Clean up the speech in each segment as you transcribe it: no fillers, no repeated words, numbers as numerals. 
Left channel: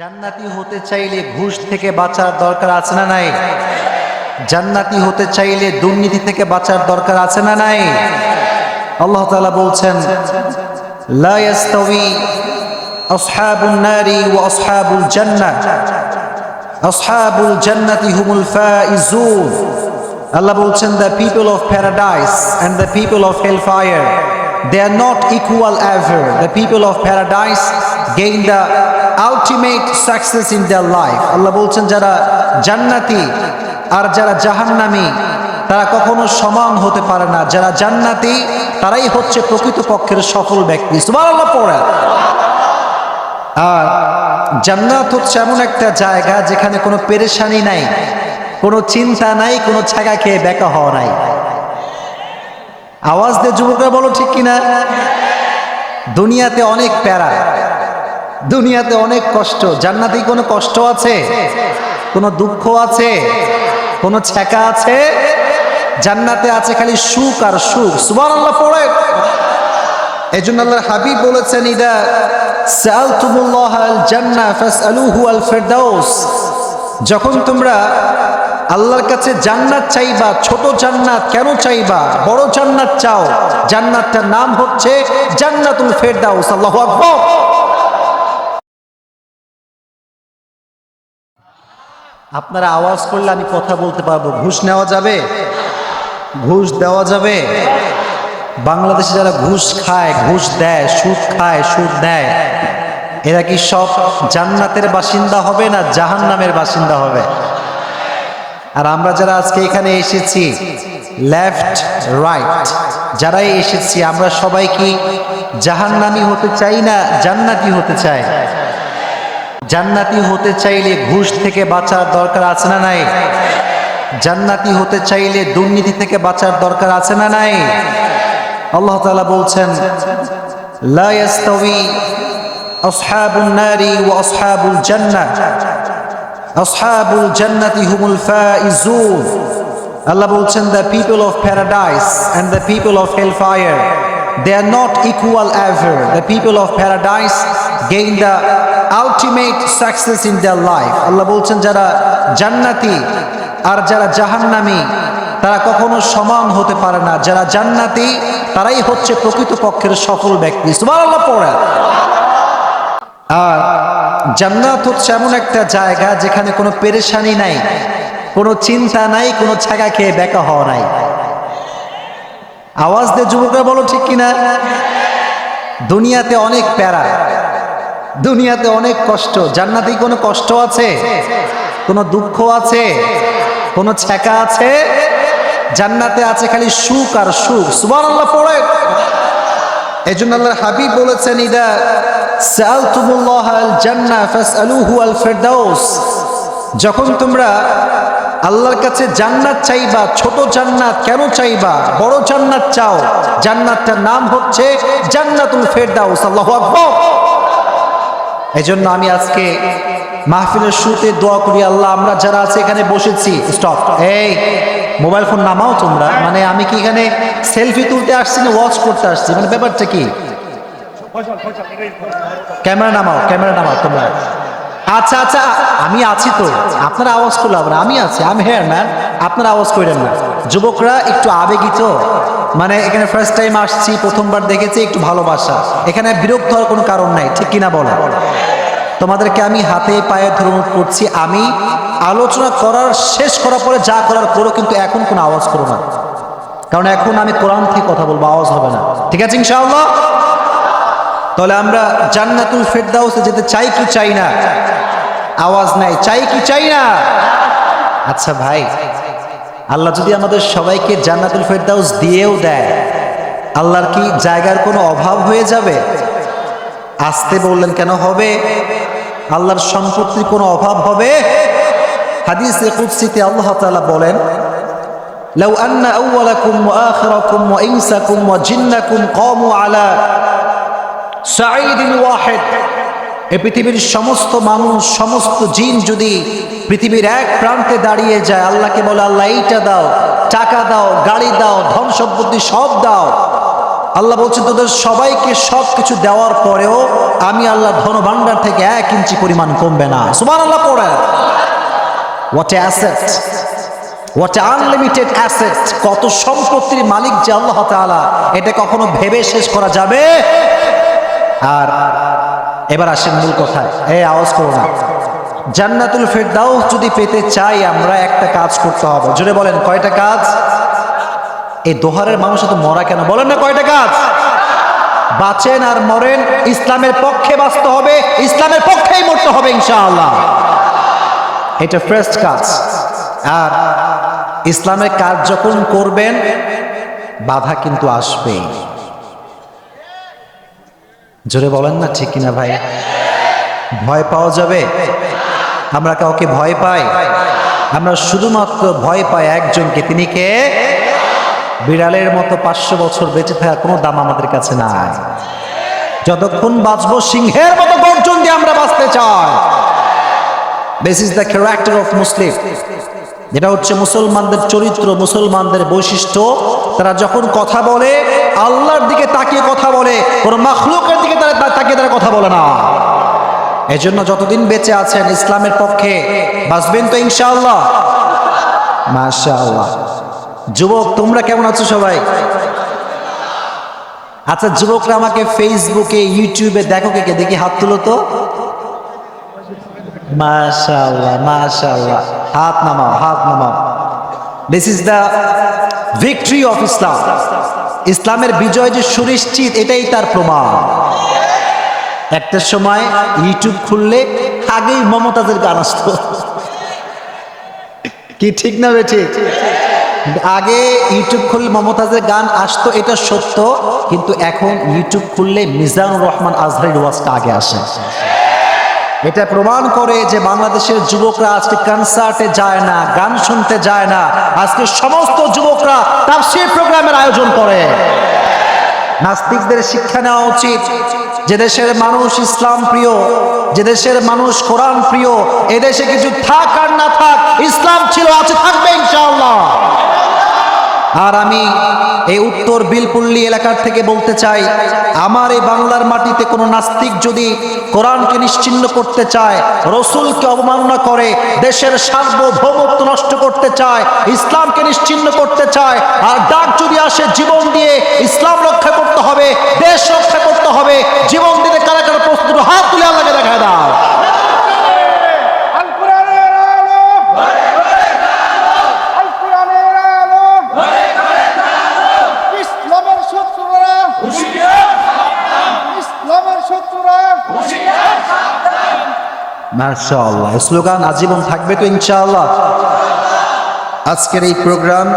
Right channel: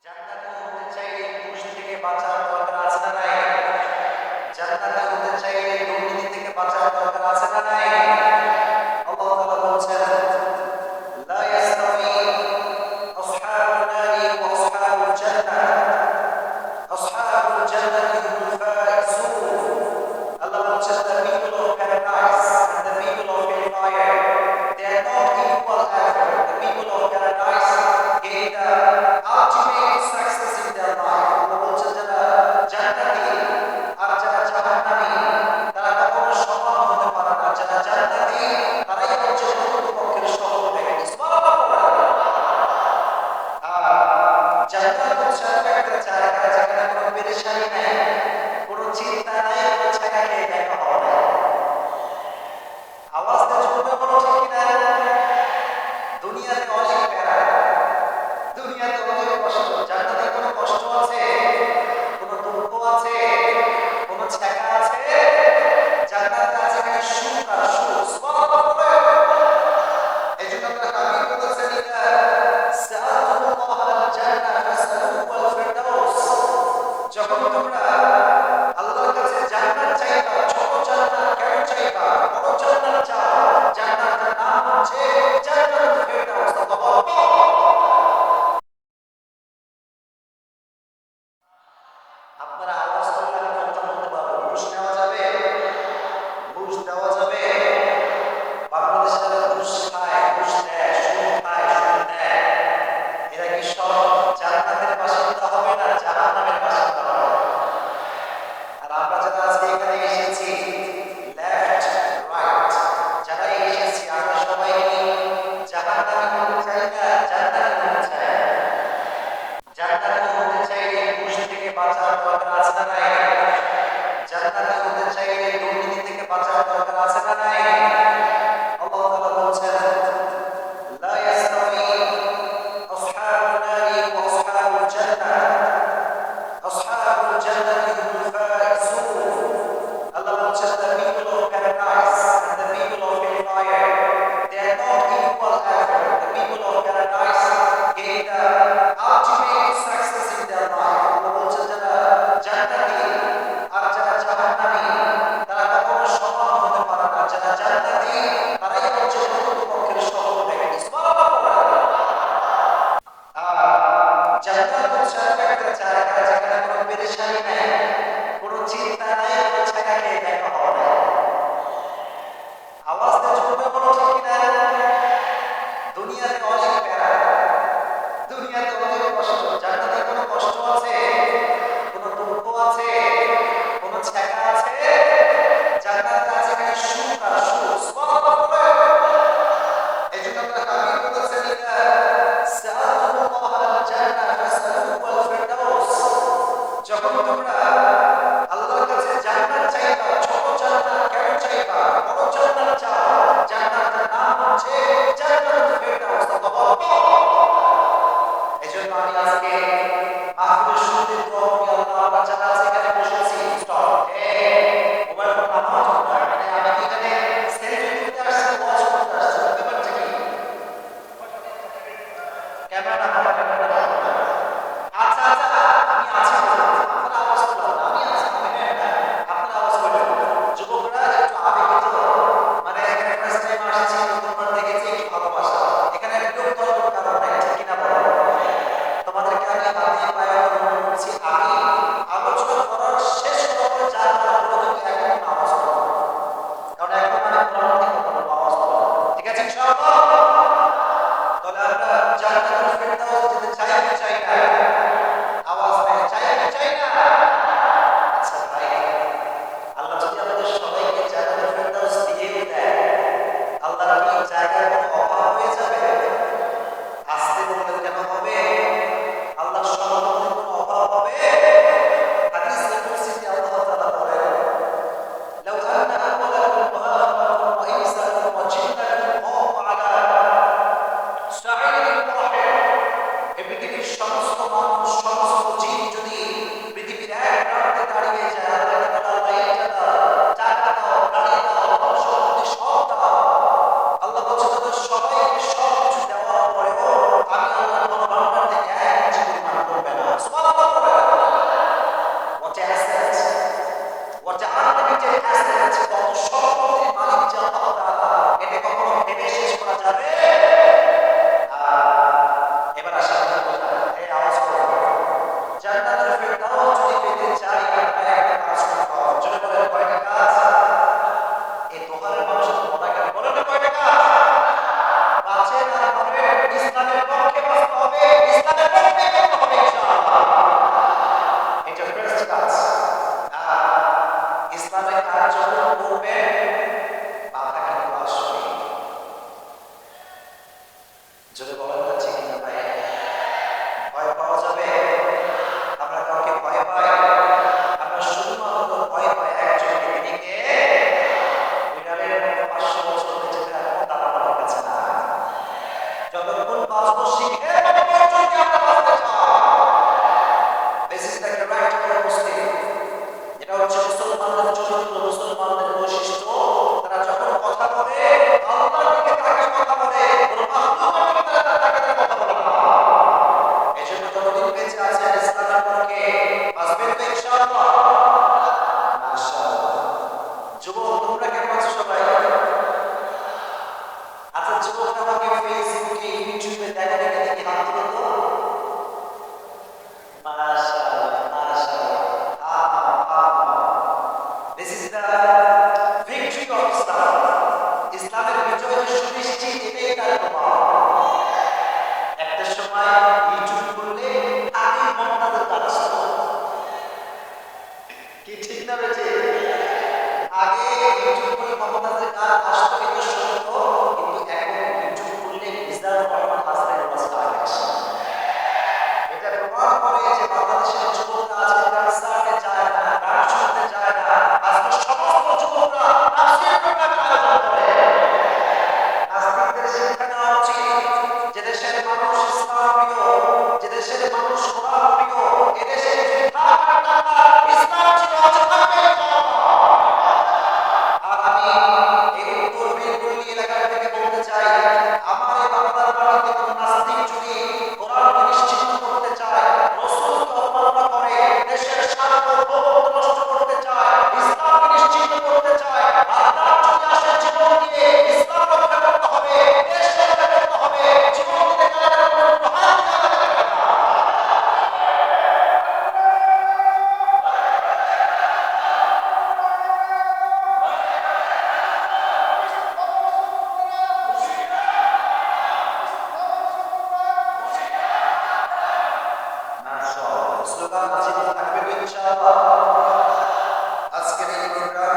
জান্নাতি হতে চাইলে ঘুষ থেকে বাঁচার দরকার আছে না নাই? জান্নাতি হতে চাইলে দুর্নীতি থেকে বাঁচার দরকার আছে না নাই? আল্লাহ তাআলা বলছেন, লা ইয়াস্তাওয়ি আসহাবুন নারি ওয়া আসহাবুল জান্নাহ, আসহাবুল জান্নাতি হুমুল ফাইজুন। আল্লাহ বলছেন, the people of paradise and the people of hellfire, they are not equal ever. The people of paradise gain the ultimate success in their life. আল্লাহ বলছেন, যারা জান্নাতি আর যারা জাহান্নামী তারা কখনো সমান হতে পারে না। যারা জান্নাতি তারাই হচ্ছে প্রকৃতপক্ষের সফল ব্যক্তি। সুবহানাল্লাহ পড়ে। আর জান্নাত হচ্ছে এমন একটা জায়গা যেখানে কোনো পেরেশানি নাই, কোনো চিন্তা নাই, কোনো ছাগা খেয়ে বেকা হওয়া নাই। আওয়াজ দিয়ে যুবকরা বলো ঠিক কিনা? দুনিয়াতে অনেক প্যারা, দুনিয়াতে অনেক কষ্ট। জান্নাতে কোনো কষ্ট আছে? কোনো দুঃখ আছে? কোনো ছ্যাঁকা আছে? জান্নাতে আছে খালি সুখ আর সুখ। সুবহানাল্লাহ পড়ে। এজন্য আল্লাহর হাবিব বলেছেন, ইদা সাআলতুমুল্লাহ আল জান্নাহ ফাসআলুহু আল ফিরদাউস। যখন তোমরা আল্লাহর কাছে জান্নাত চাইবা, ছোট জান্নাত কেন চাইবা? বড় জান্নাত চাও। জান্নাতটার নাম হচ্ছে জান্নাতুল ফিরদাউস। আল্লাহু আকবার। আপনারা আওয়াজ করলে আমি কথা বলতে পারবো। ঘুষ নেওয়া যাবে? ঘুষ দেওয়া যাবে? বাংলাদেশে যারা ঘুষ খায়, ঘুষ দেয়, সুদ খায়, সুদ দেয়, এরা কি সব জান্নাতের বাসিন্দা হবে না জাহান্নামের বাসিন্দা হবে? আর আমরা যারা আজকে এখানে এসেছি, লেফট রাইট যারাই এসেছি, আমরা সবাই কি জাহান্নামী হতে চাই না জান্নাতি হতে চাই? জান্নাতি হতে চাইলে ঘুষ থেকে বাঁচার দরকার আছে না নাই? জান্নাতি হতে চাইলে দুর্নীতি থেকে বাঁচার দরকার আছে না নাই? আল্লাহ তাআলা বলছেন, লা ইয়াস্তাওয়ি আসহাবুন নারি ওয়া আসহাবুল জান্নাহ, আসহাবুল জান্নাতি হুমুল ফাইজুন। আল্লাহ বলছেন, the people of paradise and the people of hellfire, they are not equal ever. The people of paradise gain the ultimate success in their life. আল্লাহ বলছেন, যারা জান্নাতি আর যারা জাহান্নামী তারা কখনো সমান হতে পারে না। যারা জান্নাতি তারাই হচ্ছে প্রকৃতপক্ষের সফল ব্যক্তি। সুবহানাল্লাহ পড়ে। আর জান্নাত হচ্ছে এমন একটা জায়গা যেখানে কোনো পেরেশানি নাই, কোনো চিন্তা নাই, কোনো ছাগা খেয়ে বেকা হওয়া নাই। আওয়াজ দিয়ে যুবকরা বলো ঠিক কিনা? দুনিয়াতে অনেক প্যারা, দুনিয়াতে অনেক কষ্ট। জান্নাতে কোনো কষ্ট আছে? কোনো দুঃখ আছে? কোনো ছ্যাঁকা আছে? জান্নাতে আছে খালি সুখ আর সুখ। সুবহানাল্লাহ পড়ে। এজন্য আল্লাহর হাবিব বলেছেন, ইদা সাআলতুমুল্লাহ আল জান্নাহ ফাসআলুহু আল ফিরদাউস। যখন তোমরা আল্লাহর কাছে জান্নাত চাইবা, ছোট জান্নাত কেন চাইবা? বড় জান্নাত চাও। জান্নাতটার নাম হচ্ছে জান্নাতুল ফিরদাউস। আল্লাহু আকবার। এজন্য আমি আজকে মাহফিলের শুরুতে দোয়া করি, আল্লাহ আমরা যারা আছে এখানে বসেছি, স্টপ, এই মোবাইল ফোন নামাও তোমরা। মানে আমি কি এখানে সেলফি তুলতে আসছি না ওয়াচ করতে আসছি? মানে ব্যাপারটা কি? ক্যামেরা নামাও, ক্যামেরা নামাও তোমরা। আচ্ছা আচ্ছা, আমি আছি তো, আপনারা আওয়াজ করলে হবে না। আমি আছি, আমি হেয়ার ম্যান, আপনারা আওয়াজ করেন না। যুবকরা একটু আবেগিত, মানে এখানে ফার্স্ট টাইম আসছি, প্রথমবার দেখেছি, একটু ভালোবাসা। এখানে বিরক্ত হওয়ার কোনো কারণ নাই, ঠিক কিনা বলো? তোমাদেরকে আমি হাতে পায়ে ধরে অনুরোধ করছি, আমি আলোচনা করার শেষ করার পরে যা করার করো, কিন্তু এখন কোনো আওয়াজ করো না, কারণ এখন আমি কোরআন থেকে কথা বলবো, আওয়াজ হবে না। ঠিক আছে ইনশাআল্লাহ? তাহলে আমরা জান্নাতুল ফিরদাউসে যেতে চাই কি চাই না? আওয়াজ নাই, চাই কি চাই না? আচ্ছা ভাই, আল্লাহ যদি আমাদের সবাইকে জান্নাতুল ফিরদাউস দিয়েও দেয়, আল্লাহর কি জায়গার কোনো অভাব হয়ে যাবে? আসতে বললেন কেন? হবে। আল্লাহর সম্পত্তির কোনো অভাব হবে? হাদিসে কুদসিতে আল্লাহ তাআলা বলেন, লাউ আন্না আউওয়ালাকুম ওয়া আখিরাকুম ওয়া ইনসাকুম ওয়া জিন্নাকুম কামু আলা সাঈদিন ওয়াহিদ। এই পৃথিবীর সমস্ত মানুষ, সমস্ত জিন যদি পৃথিবীর এক প্রান্তে দাঁড়িয়ে যায়, আল্লাহকে বলে, আল্লাহ এইটা দাও, টাকা দাও, গাড়ি দাও, ধন সম্পত্তি সব দাও, আল্লাহ বলছেন তোদের সবাইকে সব কিছু দেওয়ার পরেও আমি আল্লাহ ধনভাণ্ডার থেকে 1 ইঞ্চি পরিমাণ কমবে না। সুবহানাল্লাহ পড়েন। What a asset, what a unlimited asset. কত সম্পত্তির মালিক যে আল্লাহ তাআলা, এটা কখনো ভেবে শেষ করা যাবে? আর এবার আসেন মূল কথায়। আওয়াজ করো না। জান্নাতুল ফেরদাউস যদি পেতে চাই আমরা একটা কাজ করতে হবে। জোরে বলেন কয়টা কাজ? এই দোহারের মানুষ এত মরা কেন? বলেন না কয়টা কাজ? বাঁচেন আর মরেন ইসলামের পক্ষে বাঁচতে হবে, ইসলামের পক্ষেই মরতে হবে ইনশাআল্লাহ। এটা ফার্স্ট কাজ। আর ইসলামের কাজ যখন করবেন বাধা কিন্তু আসবেই। জোরে বলেন না ঠিক কিনা ভাই? ভয় পাওয়া যাবে? আমরা কাউকে ভয় পাই? আমরা শুধুমাত্র ভয় পাই একজনকে, তিনি কে? বিড়ালের মতো 500 বছর বেঁচে থাকার কোনো দাম আমাদের কাছে নাই। যতক্ষণ বাঁচবো সিংহের মতো গর্জন দিয়ে আমরা বাঁচতে চাই। This is the character of Muslim. যেটা হচ্ছে মুসলমানদের চরিত্র, মুসলমানদের বৈশিষ্ট্য। তারা যখন কথা বলে আল্লাহর দিকে তাকিয়ে কথা বলে, কোনো মাখলুকের দিকে তাকিয়ে তারা কথা বলে না। এজন্য যতদিন বেঁচে আছেন ইসলামের পক্ষে বাঁচবেন তো ইনশাআল্লাহ। মাশাআল্লাহ। যুবক তোমরা কেমন আছো সবাই? আচ্ছা যুবকরা আমাকে ফেসবুকে ইউটিউবে দেখো কে কে, দেখি হাত তুলো তো। মাশাআল্লাহ মাশাআল্লাহ। হাত নামাও, হাত নামাও। This is the victory of Islam. ইসলামের বিজয় যে সুনিশ্চিত, এটাই তার প্রমাণ। একটা সময় ইউটিউব খুললে আগেই মমতাজের গান আসতো, কি ঠিক না ঠিক? আগে ইউটিউব খুললে মমতাজের গান আসতো, এটা সত্য। কিন্তু এখন ইউটিউব খুললে মিজানুর রহমান আজহারীর ওয়াজটা আগে আসে। এটা প্রমাণ করে যে বাংলাদেশের যুবকরা আজকে কনসার্টে যায় না, গান শুনতে যায় না। আজকে সমস্ত যুবকরা তাফসীর প্রোগ্রামের আয়োজন করে। নাস্তিকদের শিক্ষা নেওয়া উচিত যে দেশের মানুষ ইসলাম প্রিয়, যে দেশের মানুষ কোরআন প্রিয়, এদেশে কিছু থাক আর না থাক ইসলাম ছিল, আছে, থাকবে ইনশাআল্লাহ। আর আমি এই উত্তর বিলপল্লী এলাকার থেকে বলতে চাই, আমার এই বাংলার মাটিতে কোনো নাস্তিক যদি কোরআনকে নিশ্চিহ্ন করতে চায়, রসুলকে অবমাননা করে, দেশের সার্বভৌমত্ব নষ্ট করতে চায়, ইসলামকে নিশ্চিহ্ন করতে চায়, আর ডাক যদি আসে জীবন দিয়ে ইসলাম রক্ষা করতে হবে, দেশ রক্ষা করতে হবে, জীবন দিতে কারা কারা প্রস্তুত, হাত তুলে আল্লাহকে দেখা দাও। মাশাআল্লাহ। স্লোগান আজীবন থাকবে তো ইনশাআল্লাহ। আজকের এই প্রোগ্রাম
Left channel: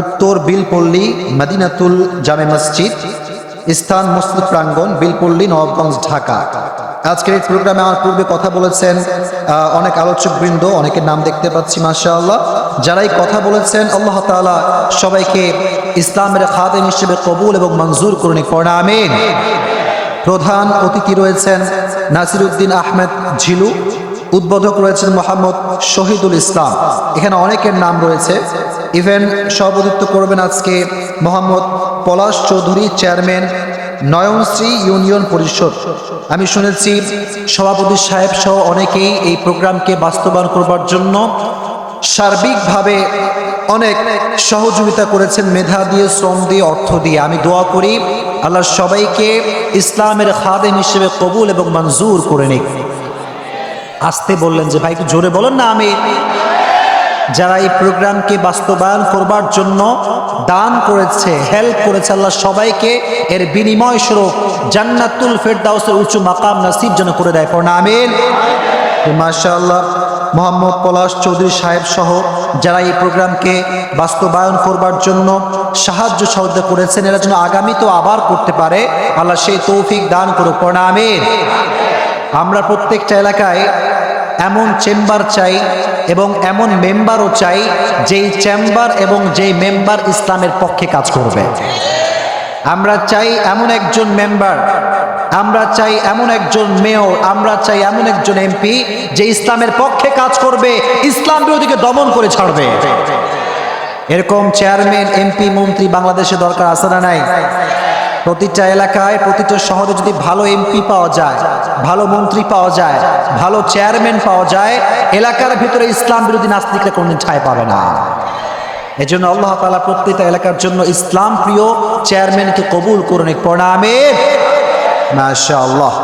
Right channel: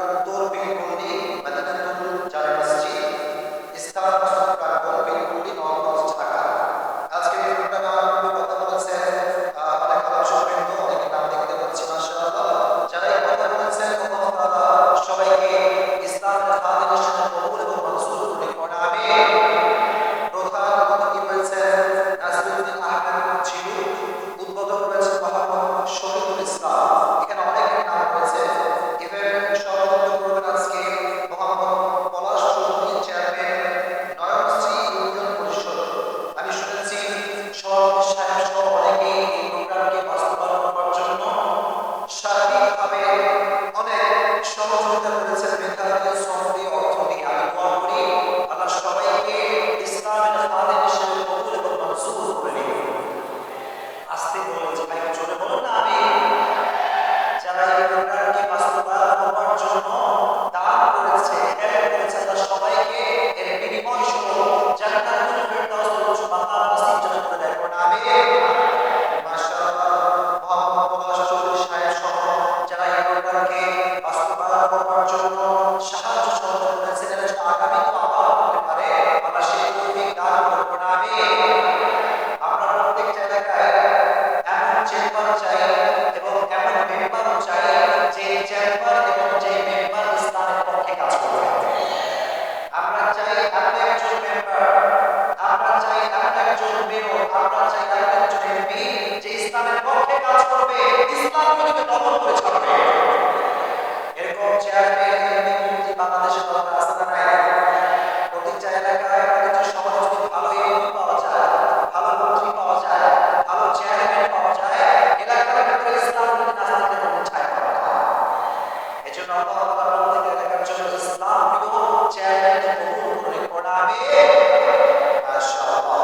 উত্তর বিলপল্লী মদিনাতুল জামে মসজিদ, স্থান মসজিদ প্রাঙ্গণ, বিলপল্লী, নবাবগঞ্জ, ঢাকা। আজকের এই প্রোগ্রামে আমার পূর্বে কথা বলেছেন অনেক আলোচকবৃন্দ, অনেকের নাম দেখতে পাচ্ছি মাশাআল্লাহ। যারাই কথা বলেছেন আল্লাহ তাআলা সবাইকে ইসলামের খাদেম হিসেবে কবুল এবং মঞ্জুর করুন, পড়া আমিন। প্রধান অতিথি রয়েছেন নাসিরউদ্দিন আহমেদ ঝিলু, উদ্বোধক রয়েছেন মোহাম্মদ শহীদুল ইসলাম। এখানে অনেকের নাম রয়েছে। ইভেন্ট সভাপতিত্ব করবেন আজকে মোহাম্মদ পলাশ চৌধুরী, চেয়ারম্যান নয়নশ্রী ইউনিয়ন পরিষদ। আমি শুনেছি সভাপতি সাহেব সহ অনেকেই এই প্রোগ্রামকে বাস্তবায়ন করবার জন্য সার্বিকভাবে অনেক সহযোগিতা করেছেন, মেধা দিয়ে, শ্রম দিয়ে, অর্থ দিয়ে। আমি দোয়া করি আল্লাহ সবাইকে ইসলামের খাদেম হিসেবে কবুল এবং মঞ্জুর করে নিক। আসতে বললেন যে ভাই একটু জোরে বলেন না। আমি যারা এই প্রোগ্রামকে বাস্তবায়ন করবার জন্য দান করেছে, হেল্প করেছে, আল্লাহ সবাইকে এর বিনিময় স্বরূপ জান্নাতুল ফেরদাউসের উঁচু মাকাম নসিব যেন করে দেয়, পড়না আমিন। মাশাআল্লাহ। মোহাম্মদ পলাশ চৌধুরী সাহেব সহ যারা এই প্রোগ্রামকে বাস্তবায়ন করবার জন্য সাহায্য সহযোগিতা করেছেন, এরা যেন আগামী তো আবার করতে পারে, আল্লাহ সেই তৌফিক দান করুক, পড়না আমিন। আমরা প্রত্যেকটা এলাকায় এমন চেম্বার চাই এবং এমন মেম্বারও চাই যেই চেম্বার এবং যেই মেম্বার ইসলামের পক্ষে কাজ করবে। আমরা চাই এমন একজন মেম্বার, আমরা চাই এমন একজন মেয়র, আমরা চাই এমন একজন এমপি যে ইসলামের পক্ষে কাজ করবে, ইসলাম বিরোধীকে দমন করে ছাড়বে। এরকম চেয়ারম্যান, এমপি, মন্ত্রী বাংলাদেশে দরকার আছে না নাই? প্রতিটা এলাকায় প্রতিটা শহরে যদি ভালো এমপি পাওয়া যায়, ভালো মন্ত্রী পাওয়া যায়, ভালো চেয়ারম্যান পাওয়া যায়, এলাকার ভিতরে ইসলাম বিরোধী নাস্তিকরা কোনদিন ঠাঁই পাবে না। এজন্য আল্লাহ তাআলা প্রত্যেকটা এলাকার জন্য ইসলাম প্রিয় চেয়ারম্যানকে কবুল করুন। আমিন মাশাআল্লাহ।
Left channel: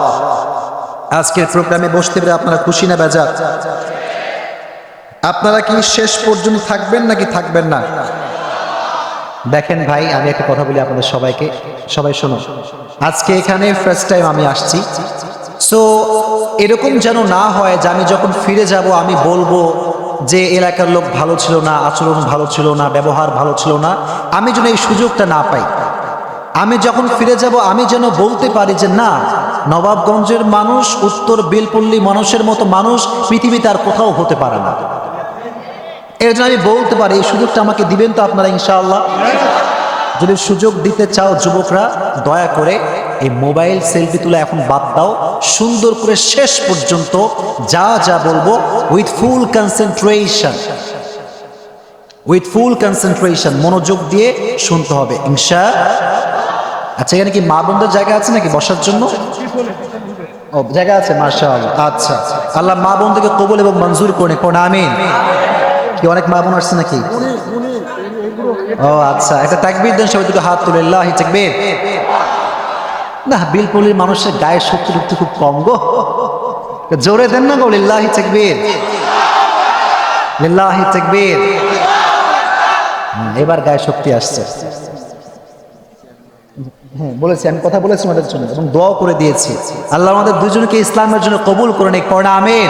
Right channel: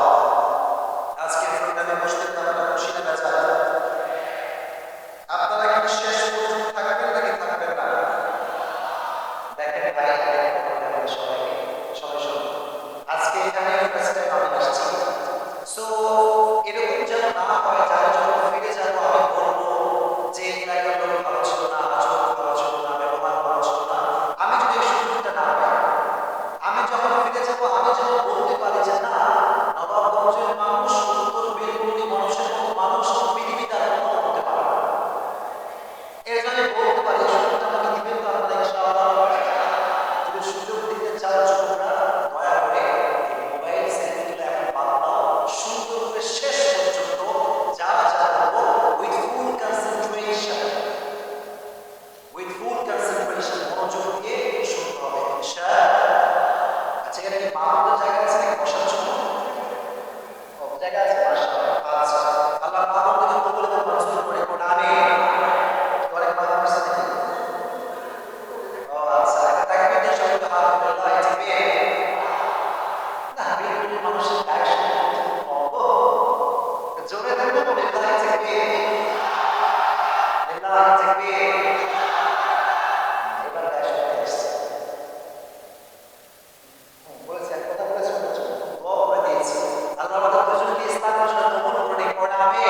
আজকের প্রোগ্রামে বসতে পেরে আপনারা খুশি না বেজার? আপনারা কি শেষ পর্যন্ত থাকবেন নাকি থাকবেন না? দেখেন ভাই, আমি একটা কথা বলি আপনাদের সবাইকে, সবাই শোনো। আজকে এখানে ফার্স্ট টাইম আমি আসছি, সো এরকম যেন না হয় যে আমি যখন ফিরে যাব আমি বলবো যে এলাকার লোক ভালো ছিল না, আচরণ ভালো ছিল না, ব্যবহার ভালো ছিল না। আমি যেন এই সুযোগটা না পাই। আমি যখন ফিরে যাব আমি যেন বলতে পারি যে না, নবাবগঞ্জের মানুষ উত্তর বেলপল্লী মানুষের মতো মানুষ পৃথিবীতে আর কোথাও হতে পারে না। এর জন্য আমি বলতে পারি, এই সুযোগটা আমাকে দিবেন তো আপনারা ইনশাআল্লাহ? যদি সুযোগ দিতে চাও যুবকরা, দয়া করে এই মোবাইল সেলফি তুলে এখন বাদ দাও, সুন্দর করে শেষ পর্যন্ত যা যা বলবো উইথ ফুল কনসেন্ট্রেশন মনোযোগ দিয়ে শুনতে হবে ইনশাআল্লাহ। আচ্ছা, এখানে কি মা বোনদের জায়গা আছে নাকি বসার জন্য? ও, জায়গা আছে, মাশাআল্লাহ। আচ্ছা, আল্লাহ মা বোনদেরকে কবুল এবং মঞ্জুর করে আমিন। কি অনেক মা বোন আসছে নাকি? ও আচ্ছা, একটা তাকবীর দেন সবাই, দুটো হাত তুলে আল্লাহু তাকবীর। না, বিলপল্লির মানুষের গায়ের শক্তি খুব কম গো, জোরে দেন না গো, আল্লাহু তাকবীর, আল্লাহু তাকবীর। এবার গায়ে শক্তি আসছে। হ্যাঁ বলেছি, আমি কথা বলেছি আমাদের জন্য এবং দোয়া করে দিয়েছি, আল্লাহ আমাদের দুজনকে ইসলামের জন্য কবুল করে নিক, আমিন।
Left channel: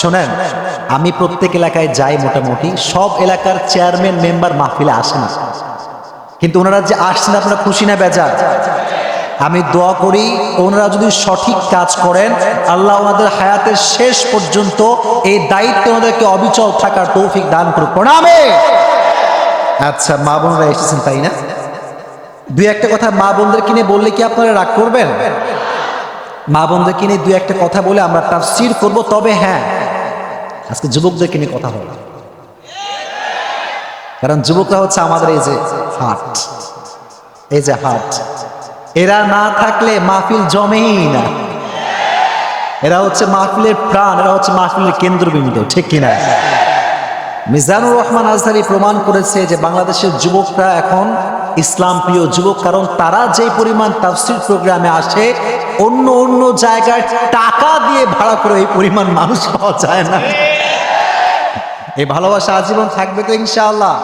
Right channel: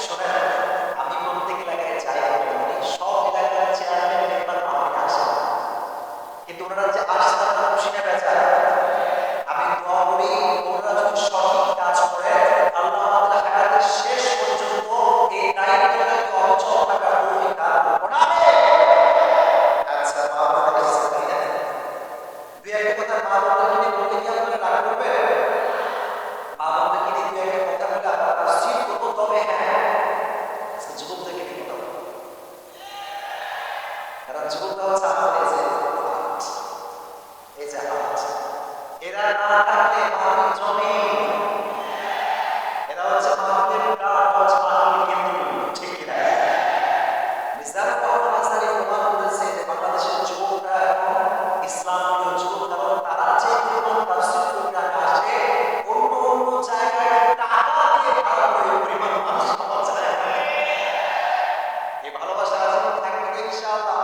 শোনেন, আমি প্রত্যেক এলাকায় যাই, মোটামুটি সব এলাকার চেয়ারম্যান মেম্বার মাহফিলে আসে না, কিন্তু ওনারা যে আসছেন আপনারা খুশি না বেজার? আমি দোয়া করি ওনারা যদি সঠিক কাজ করেন, আল্লাহ ওনাদের হায়াতের শেষ পর্যন্ত এই দায়িত্ব ওনাদেরকে অবিচল থাকার তৌফিক দান করুক, আমিন। আচ্ছা, মা বোনরা এসেছেন তাই না? দুই একটা কথা মা বোনদের কিনে বললে কি আপনারা রাগ করবেন? মা বোনদের কিনে দুই একটা কথা বলে আমরা তাফসীর করব। তবে হ্যাঁ, আজকে যুবকদের কিনে কথা হবে, কারণ যুবকরা হচ্ছে আমাদের এই যে হার্ট, এরা না থাকলে মাহফিল জমেই না। এরা হচ্ছে মাহফিলের প্রাণ, এরা হচ্ছে মাহফিলের কেন্দ্রবিন্দু, ঠিক কিনা? মিজানুর রহমান আজহারি প্রমাণ করেছে যে বাংলাদেশের যুবকরা এখন ইসলাম প্রিয় যুবক, কারণ তারা যে পরিমাণ তাফসীর প্রোগ্রামে আসে, অন্য জায়গায় টাকা দিয়ে ভাড়া করে এই পরিমাণ মানুষ পাওয়া যায় না। এই ভালোবাসা আজীবন থাকবে তো ইনশাআল্লাহ।